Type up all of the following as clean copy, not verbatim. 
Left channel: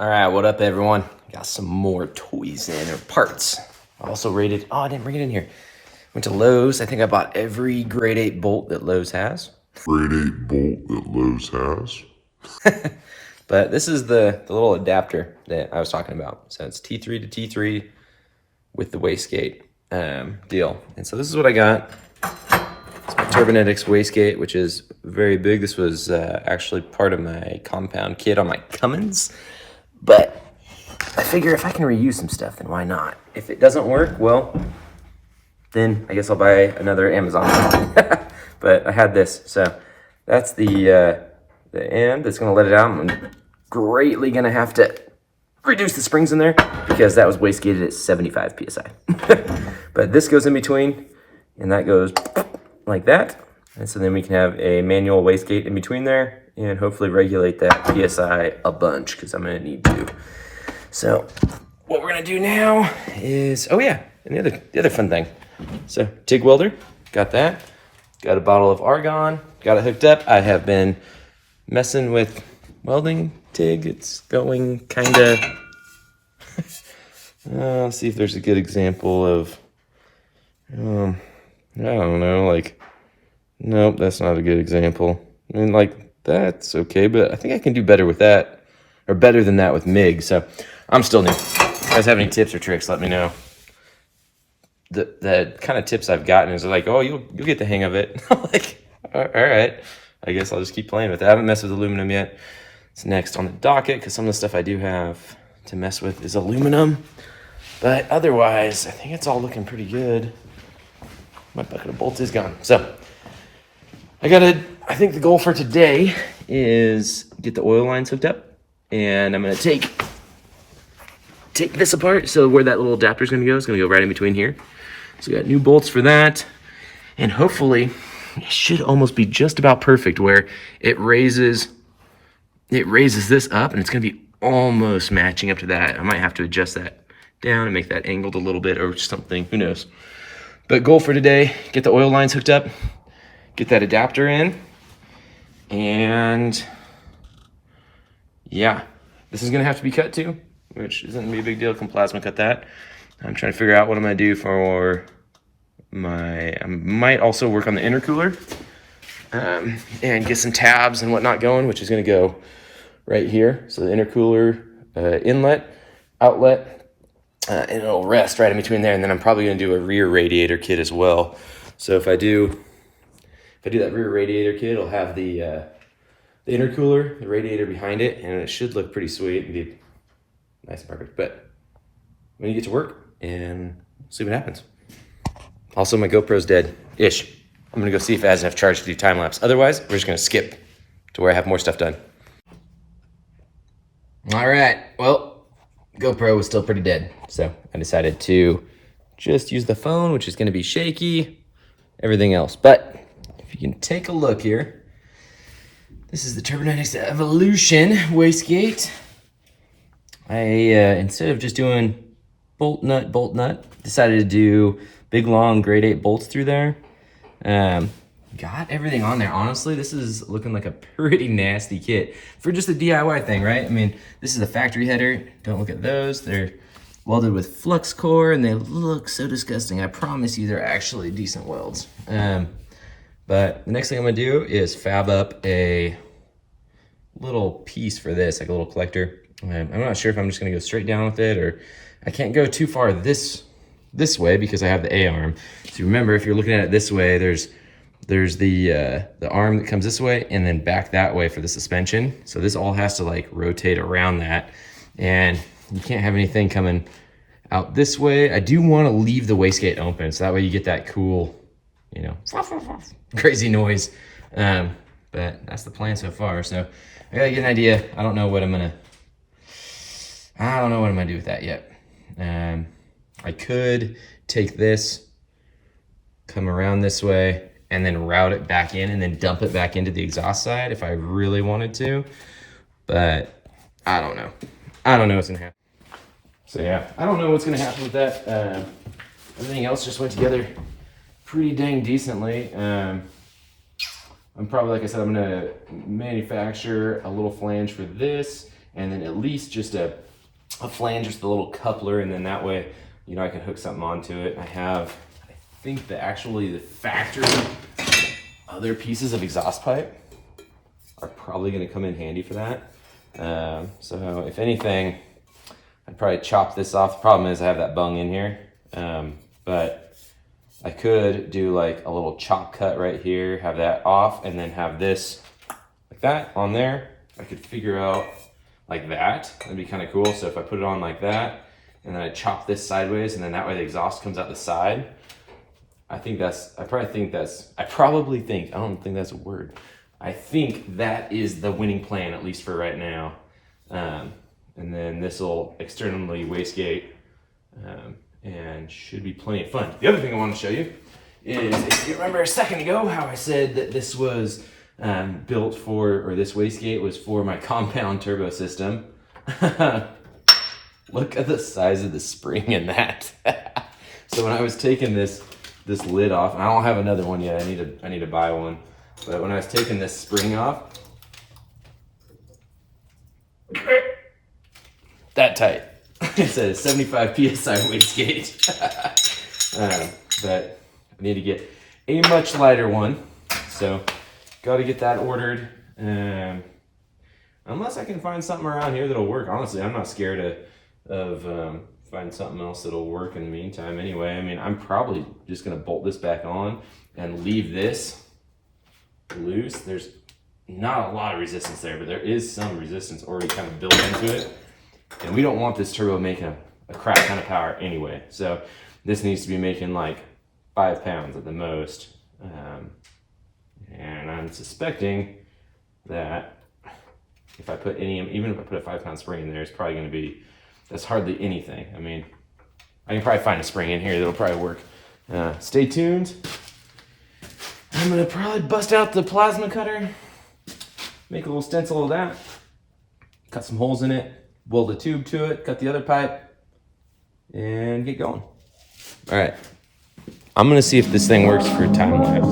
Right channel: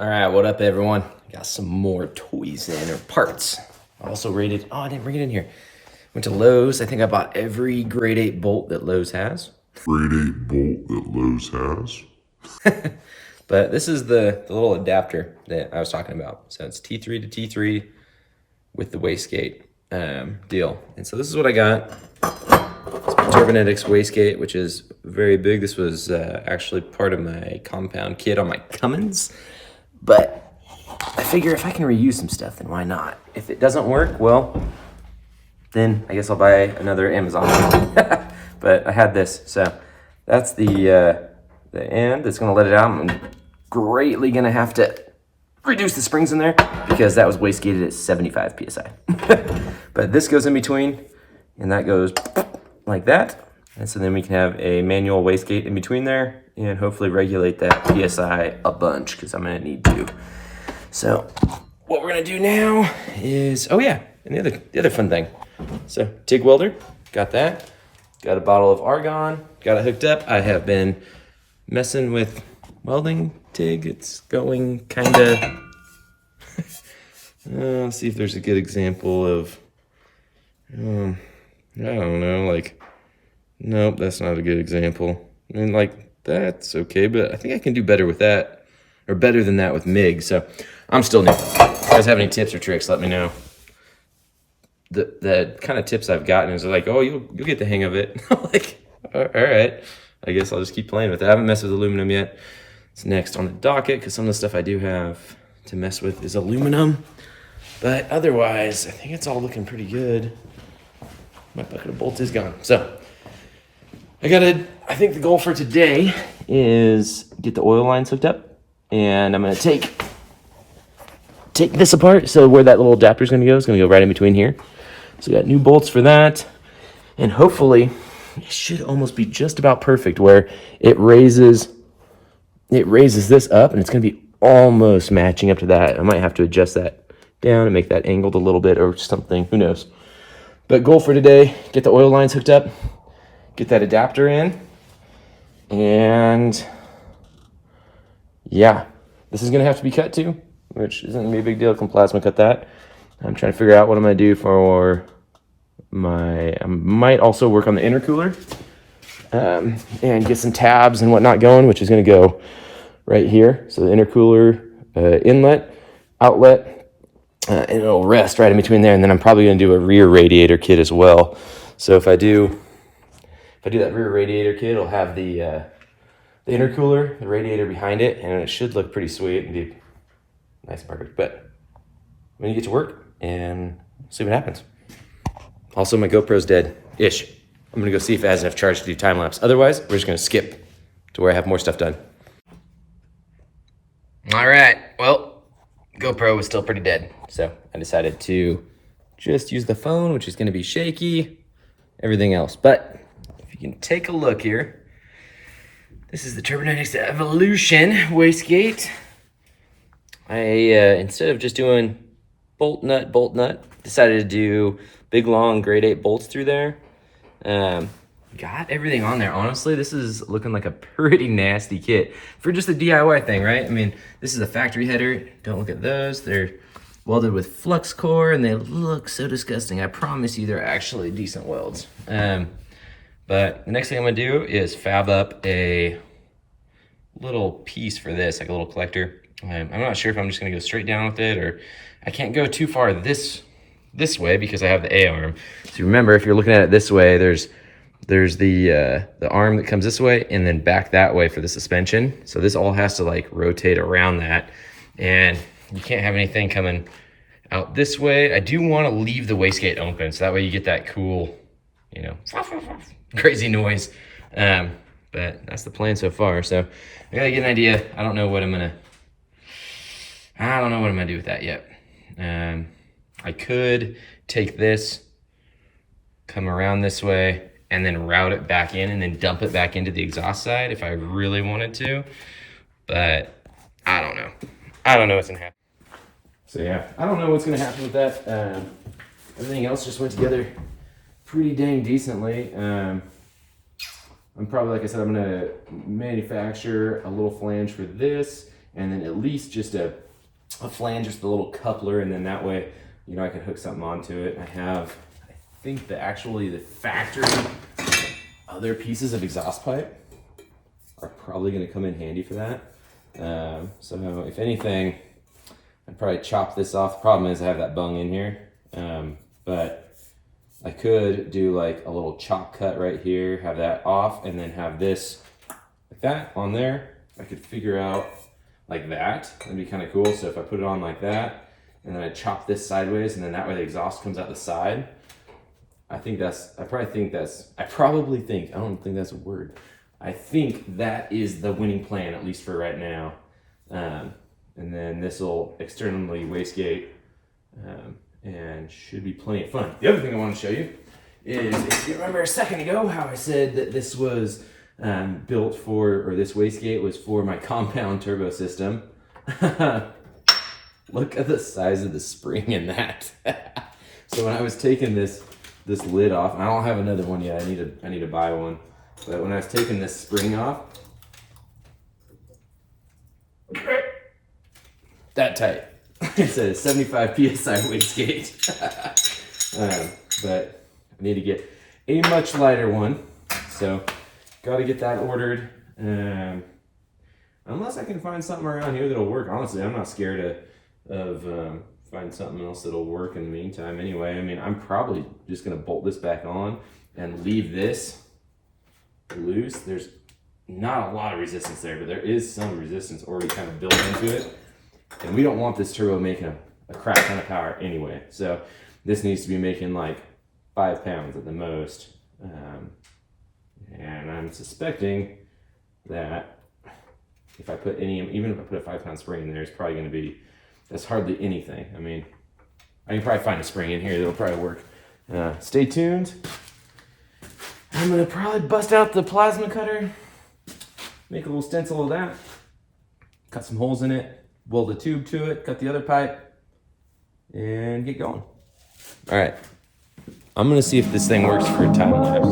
All right, what up, everyone? Got some more toys in, or parts. Also rated, oh, I didn't bring it in here. Went to Lowe's. I think I bought every grade 8 bolt that Lowe's has. Grade 8 bolt that Lowe's has. But this is the little adapter that I was talking about. So it's T3 to T3 with the wastegate deal. And so this is what I got. It's my Turbonetics wastegate, which is very big. This was actually part of my compound kit on my Cummins. But I figure if I can reuse some stuff, then why not? If it doesn't work, well, then I guess I'll buy another Amazon. But I had this, so that's the end that's gonna let it out. I'm greatly gonna have to reduce the springs in there because that was wastegated at 75 PSI. But this goes in between, and that goes like that. And so then we can have a manual wastegate in between there and hopefully regulate that PSI a bunch because I'm gonna need to. So what we're gonna do now is, oh yeah, and the other fun thing. So TIG welder, got that. Got a bottle of argon, got it hooked up. I have been messing with welding TIG. It's going kinda, let's see if there's a good example of, I don't know, like, nope, that's not a good example. I mean, like, that's okay, but I think I can do better with that, or better than that with MIG, so I'm still new. If you guys have any tips or tricks, let me know. The kind of tips I've gotten is like, oh, you'll get the hang of it. I'm like, all right, I guess I'll just keep playing with it. I haven't messed with aluminum yet. It's next on the docket because some of the stuff I do have to mess with is aluminum. But otherwise, I think it's all looking pretty good. My bucket of bolts is gone. So I think the goal for today is get the oil lines hooked up, and I'm gonna take this apart. So where that little adapter is gonna go right in between here. So we got new bolts for that, and hopefully it should almost be just about perfect where it raises this up, and it's gonna be almost matching up to that. I might have to adjust that down and make that angled a little bit or something, who knows. But goal for today, get the oil lines hooked up, get that adapter in, and yeah, this is gonna have to be cut too, which isn't gonna be a big deal. I can plasma cut that. I'm trying to figure out what I'm gonna do for I might also work on the intercooler and get some tabs and whatnot going, which is gonna go right here. So the intercooler inlet, outlet, and it'll rest right in between there. And then I'm probably gonna do a rear radiator kit as well. So if I do that rear radiator kit, it'll have the intercooler, the radiator behind it, and it should look pretty sweet and be nice and perfect. But I'm gonna get to work and see what happens. Also, my GoPro's dead-ish. I'm gonna go see if it has enough charge to do time lapse. Otherwise, we're just gonna skip to where I have more stuff done. All right, well, GoPro was still pretty dead. So I decided to just use the phone, which is gonna be shaky, everything else. But if you can take a look here, this is the Turbonetics Evolution wastegate. I, instead of just doing bolt nut, decided to do big long grade 8 bolts through there. Got everything on there. Honestly, this is looking like a pretty nasty kit for just a DIY thing, right? I mean, this is a factory header. Don't look at those. They're welded with flux core and they look so disgusting. I promise you they're actually decent welds. But the next thing I'm gonna do is fab up a little piece for this, like a little collector. I'm not sure if I'm just gonna go straight down with it, or I can't go too far this way because I have the A-arm. So remember, if you're looking at it this way, there's the arm that comes this way and then back that way for the suspension. So this all has to like rotate around that, and you can't have anything coming out this way. I do want to leave the wastegate open so that way you get that cool, you know, crazy noise. But that's the plan so far. So I gotta get an idea. I don't know what I'm gonna do with that yet. I could take this, come around this way, and then route it back in and then dump it back into the exhaust side if I really wanted to. But I don't know. I don't know what's gonna happen. So yeah, I don't know what's gonna happen with that. Everything else just went together pretty dang decently. I'm probably, like I said, I'm gonna manufacture a little flange for this and then at least just a flange, just a little coupler, and then that way, you know, I can hook something onto it. I think the factory other pieces of exhaust pipe are probably going to come in handy for that. So if anything, I'd probably chop this off. The problem is I have that bung in here, but I could do like a little chop cut right here, have that off, and then have this like that on there. I could figure out like that. That'd be kind of cool. So if I put it on like that, and then I chop this sideways, and then that way the exhaust comes out the side. I don't think that's a word. I think that is the winning plan, at least for right now. And then this will externally wastegate, and should be plenty of fun. The other thing I want to show you is, if you remember a second ago how I said that this was built for, or this wastegate was for my compound turbo system. Look at the size of the spring in that. So when I was taking this lid off, and I don't have another one yet, I need to buy one. But when I was taking this spring off, that tight. It's a 75 PSI wastegate. But I need to get a much lighter one. So got to get that ordered. Unless I can find something around here that'll work. Honestly, I'm not scared of find something else that'll work in the meantime anyway. I mean, I'm probably just gonna bolt this back on and leave this loose. There's not a lot of resistance there, but there is some resistance already kind of built into it. And we don't want this turbo making a crap ton of power anyway. So this needs to be making like 5 pounds at the most. And I'm suspecting that if I put even if I put a 5-pound spring in there, it's probably gonna be, that's hardly anything. I mean, I can probably find a spring in here that'll probably work. Stay tuned. I'm gonna probably bust out the plasma cutter, make a little stencil of that, cut some holes in it, weld a tube to it, cut the other pipe, and get going. All right, I'm gonna see if this thing works for time lapse.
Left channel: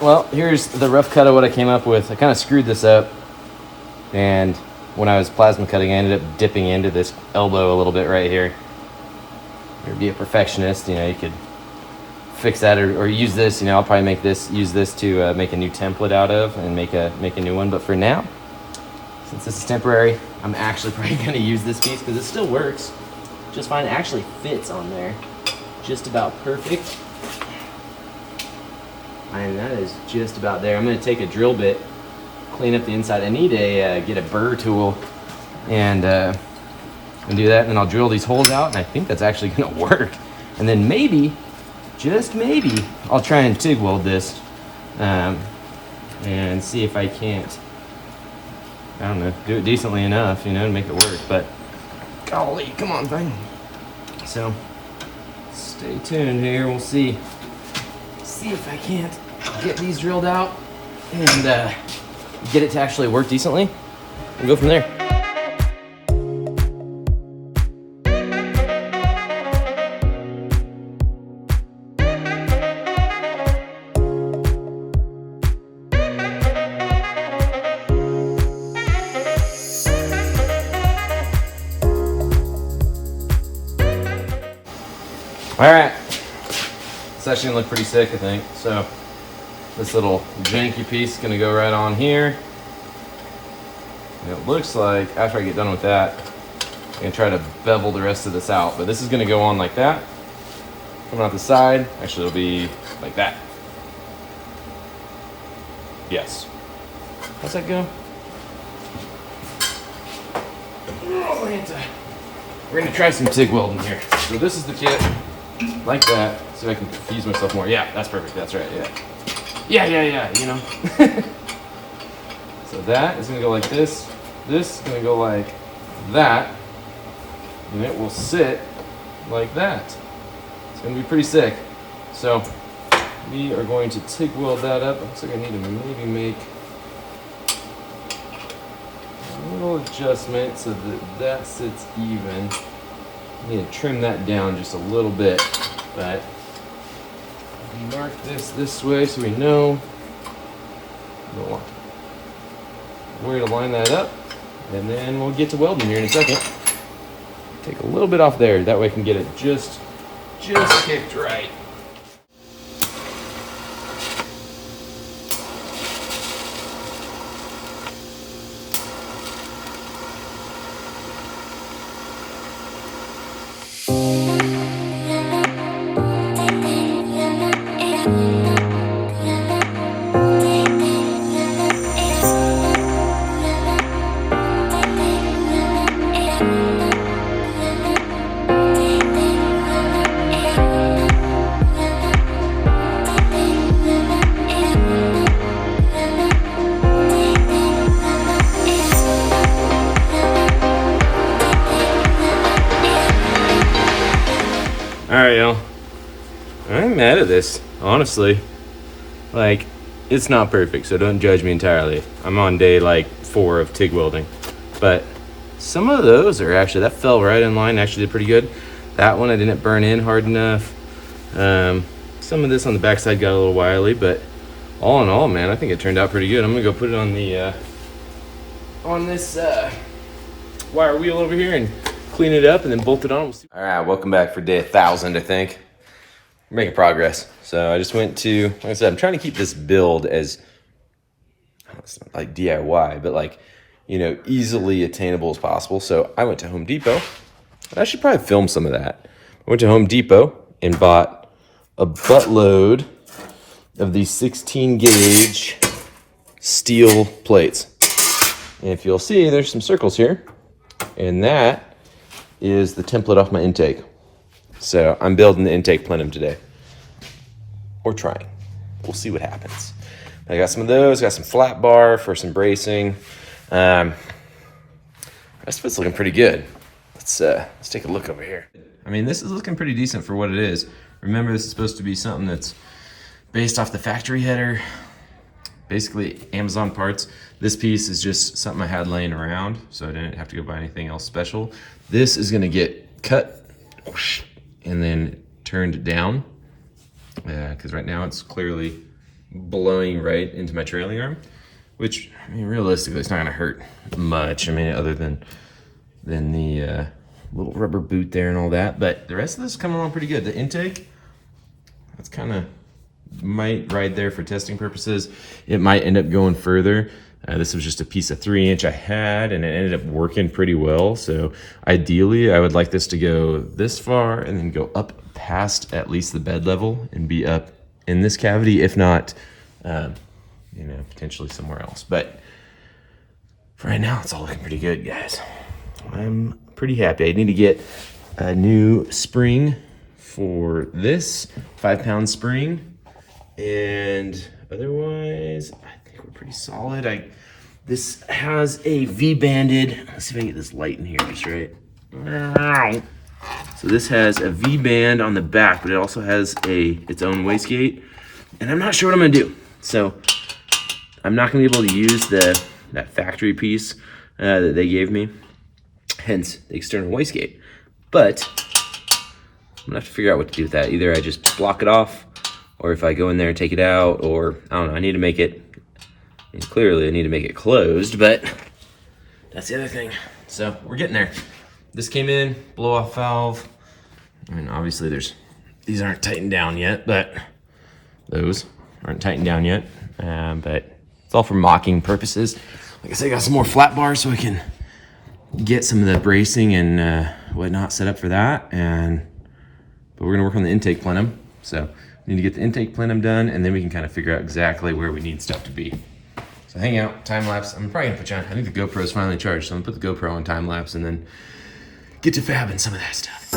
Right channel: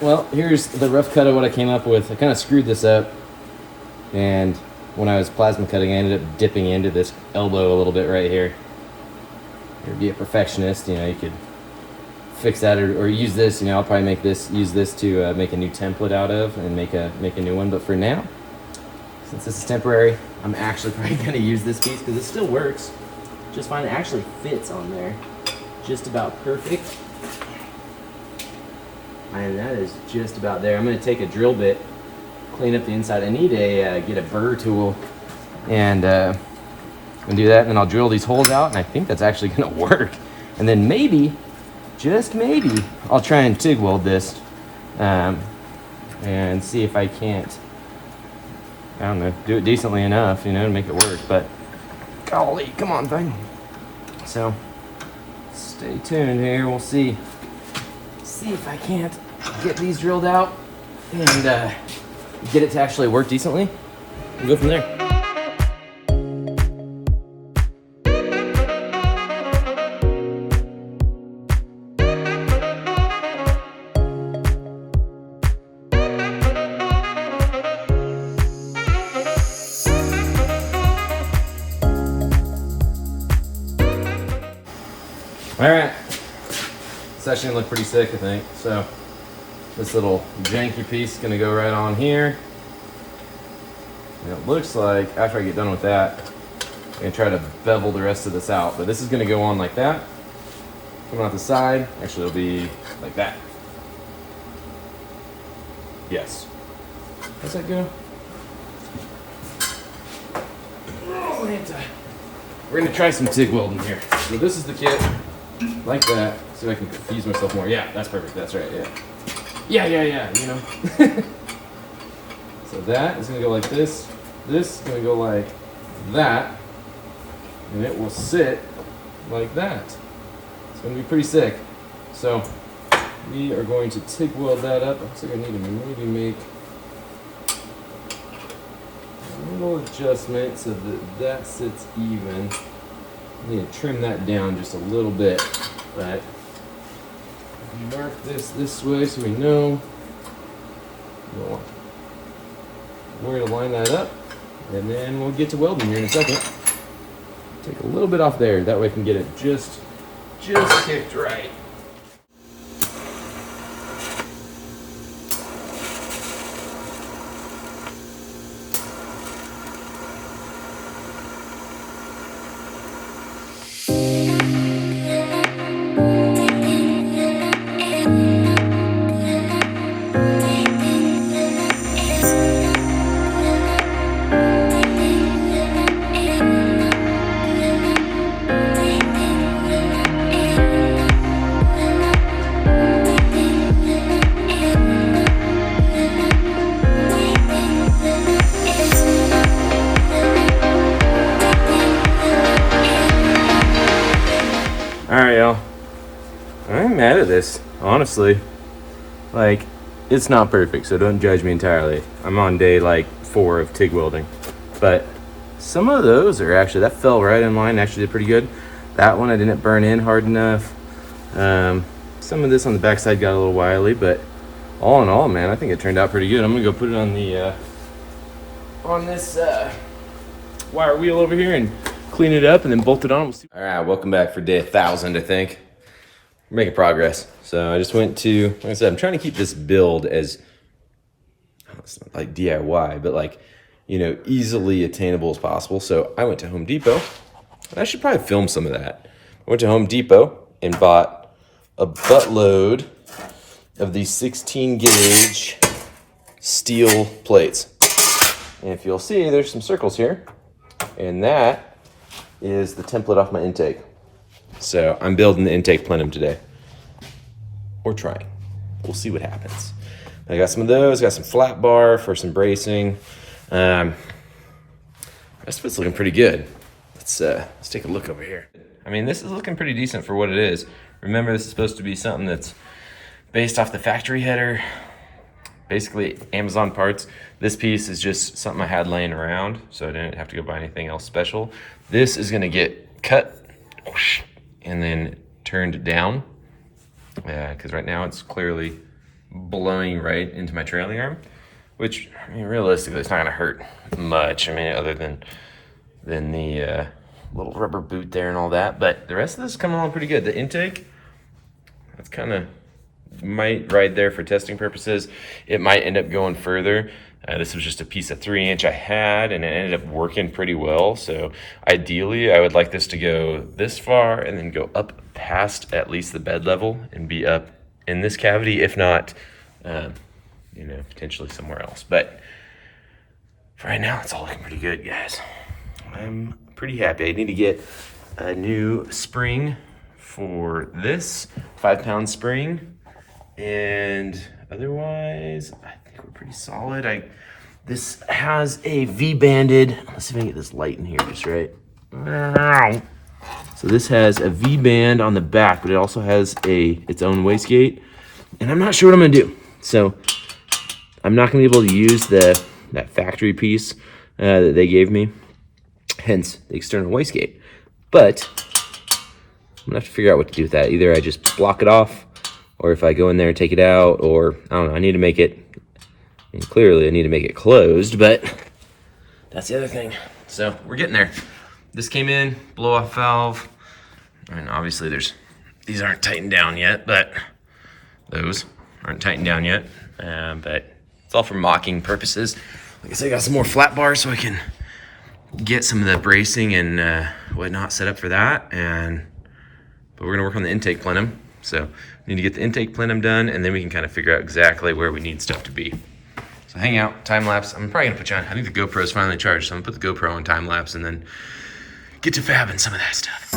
Well, here's the rough cut of what I came up with. I kind of screwed this up, and when I was plasma cutting, I ended up dipping into this elbow a little bit right here. Or be a perfectionist, you know, you could fix that or use this. You know, I'll probably use this to make a new template out of and make a new one. But for now, since this is temporary, I'm actually probably going to use this piece because it still works just fine. It actually fits on there just about perfect. And that is just about there. I'm going to take a drill bit, clean up the inside. I need to get a burr tool and do that. And then I'll drill these holes out, and I think that's actually going to work. And then maybe, just maybe, I'll try and TIG weld this and see if I can't, I don't know, do it decently enough, you know, to make it work. But golly, come on, thing. So stay tuned here. We'll see if I can't get these drilled out and get it to actually work decently. We'll go from there. All right. It's actually gonna look pretty sick, I think. So this little janky piece is gonna go right on here. And it looks like after I get done with that, I'm gonna try to bevel the rest of this out. But this is gonna go on like that, coming out the side. Actually, it'll be like that. Yes. How's that go? We're gonna try some TIG welding here. So this is the kit, like that. So I can confuse myself more. Yeah, that's perfect. That's right. Yeah. You know. So that is gonna go like this. This is gonna go like that, and it will sit like that. It's gonna be pretty sick. So we are going to TIG weld that up. Looks like I need to maybe make a little adjustment so that that sits even. I need to trim that down just a little bit, but we mark this way so we know where to line that up, and then we'll get to welding here in a second. Take a little bit off there, that way I can get it just kicked right. Alright, y'all. I'm mad at this, honestly. Like, it's not perfect, so don't judge me entirely. I'm on day like 4 of TIG welding. But some of those are actually, that fell right in line, actually did pretty good. That one I didn't burn in hard enough. Some of this on the backside got a little wily, but all in all, man, I think it turned out pretty good. I'm gonna go put it on the on this wire wheel over here and clean it up and then bolt it on. All right, welcome back for day 1000, I think. We're making progress. So I just went to, like I said, I'm trying to keep this build as, it's not like DIY, but like, you know, easily attainable as possible. So I went to Home Depot. I should probably film some of that. I went to Home Depot and bought a buttload of these 16 gauge steel plates. And if you'll see, there's some circles here, and that is the template off my intake. So I'm building the intake plenum today. Or trying. We'll see what happens. I got some of those, got some flat bar for some bracing. Rest of it's looking pretty good. Let's take a look over here. I mean, this is looking pretty decent for what it is. Remember, this is supposed to be something that's based off the factory header. Basically Amazon parts. This piece is just something I had laying around, so I didn't have to go buy anything else special. This is gonna get cut and then turned down, because right now it's clearly blowing right into my trailing arm, which, I mean, realistically, it's not gonna hurt much. I mean, other than the little rubber boot there and all that, but the rest of this is coming along pretty good. The intake, that's kind of might ride there for testing purposes. It might end up going further. This was just a piece of 3-inch I had, and it ended up working pretty well. So ideally, I would like this to go this far and then go up past at least the bed level and be up in this cavity, if not, you know, potentially somewhere else. But for right now, it's all looking pretty good, guys. I'm pretty happy. I need to get a new spring for this 5-pound spring. And otherwise, I think we're pretty solid. This has a V-banded, let's see if I can get this light in here just right. So this has a V-band on the back, but it also has its own wastegate. And I'm not sure what I'm gonna do. So I'm not gonna be able to use that factory piece that they gave me, hence the external wastegate. But I'm gonna have to figure out what to do with that. Either I just block it off, or if I go in there and take it out, or I don't know, I need to make it, and clearly I need to make it closed, but that's the other thing. So we're getting there. This came in, blow off valve. I mean, obviously these aren't tightened down yet, but those aren't tightened down yet. But it's all for mocking purposes. Like I said, I got some more flat bars so I can get some of the bracing and whatnot set up for that. But we're gonna work on the intake plenum. So we need to get the intake plenum done, and then we can kind of figure out exactly where we need stuff to be. So hang out, time lapse. I'm probably gonna put you on, I think the GoPro is finally charged, so I'm gonna put the GoPro on time lapse and then get to fabbing some of that stuff.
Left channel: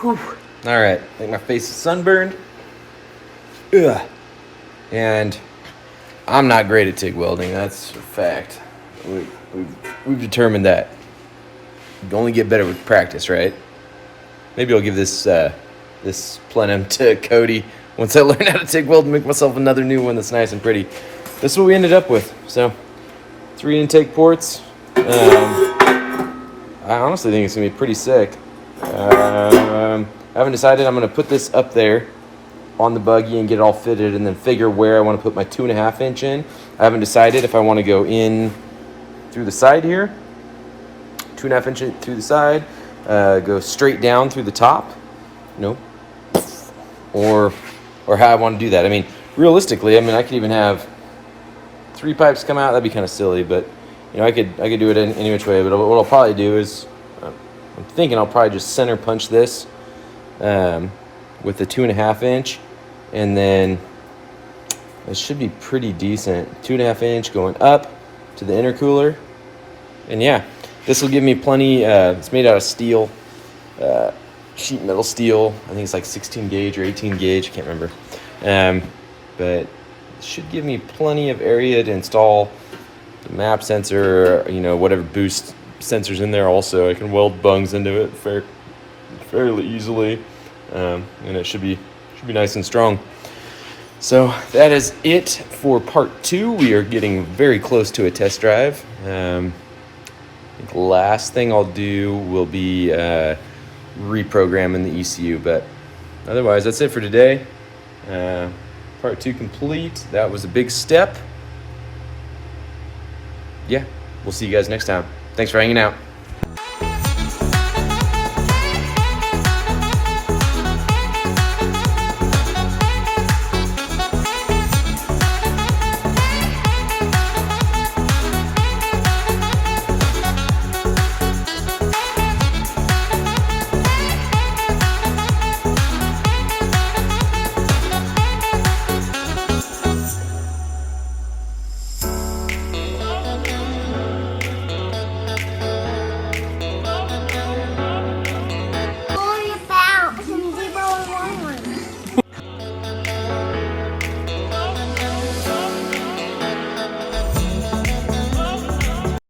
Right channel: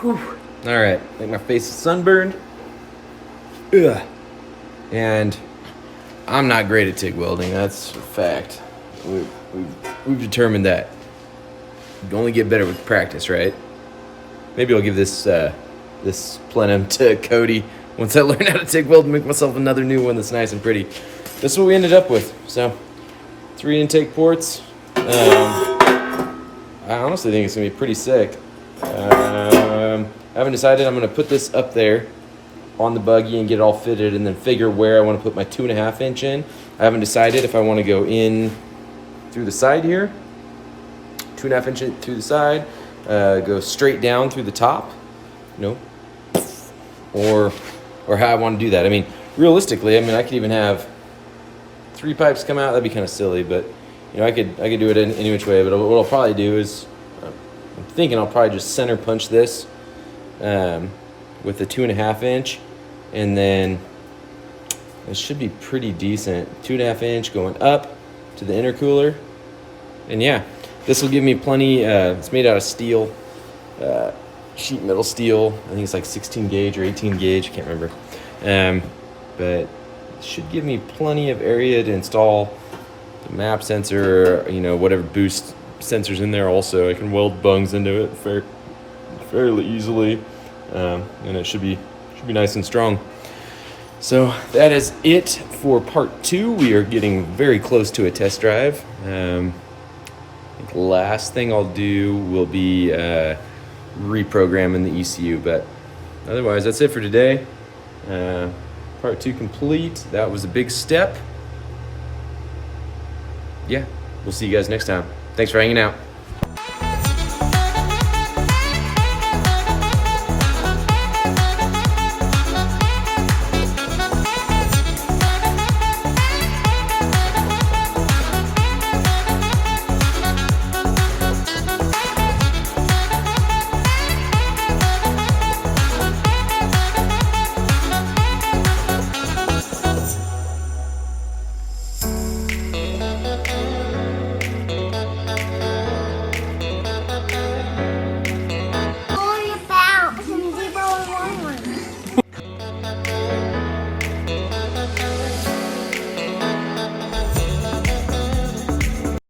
Whew. All right, I think my face is sunburned. Ugh. And I'm not great at TIG welding, that's a fact. We've determined that. You only get better with practice, right? Maybe I'll give this this plenum to Cody once I learn how to TIG weld and make myself another new one that's nice and pretty. This is what we ended up with. So 3 intake ports. I honestly think it's gonna be pretty sick. I haven't decided. I'm gonna put this up there on the buggy and get it all fitted, and then figure where I want to put my 2.5 inch in. I haven't decided if I want to go in through the side here, 2.5 inch through the side, go straight down through the top, or how I want to do that. I mean, realistically, I mean, I could even have 3 pipes come out. That'd be kind of silly, but I could do it any which way. But what I'll probably do is, I'm thinking I'll probably just center punch this with the 2.5 inch, and then it should be pretty decent. 2.5 inch going up to the intercooler, and yeah, this will give me plenty. It's made out of steel, sheet metal steel. I think it's like 16 gauge or 18 gauge. I can't remember, but it should give me plenty of area to install the map sensor, whatever boost sensors in there. Also, I can weld bungs into it fairly easily, and it should be nice and strong. So that is it for part 2. We are getting very close to a test drive. I think the last thing I'll do will be reprogramming the ECU, but otherwise that's it for today. Part 2 complete. That was a big step. Yeah, we'll see you guys next time. Thanks for hanging out.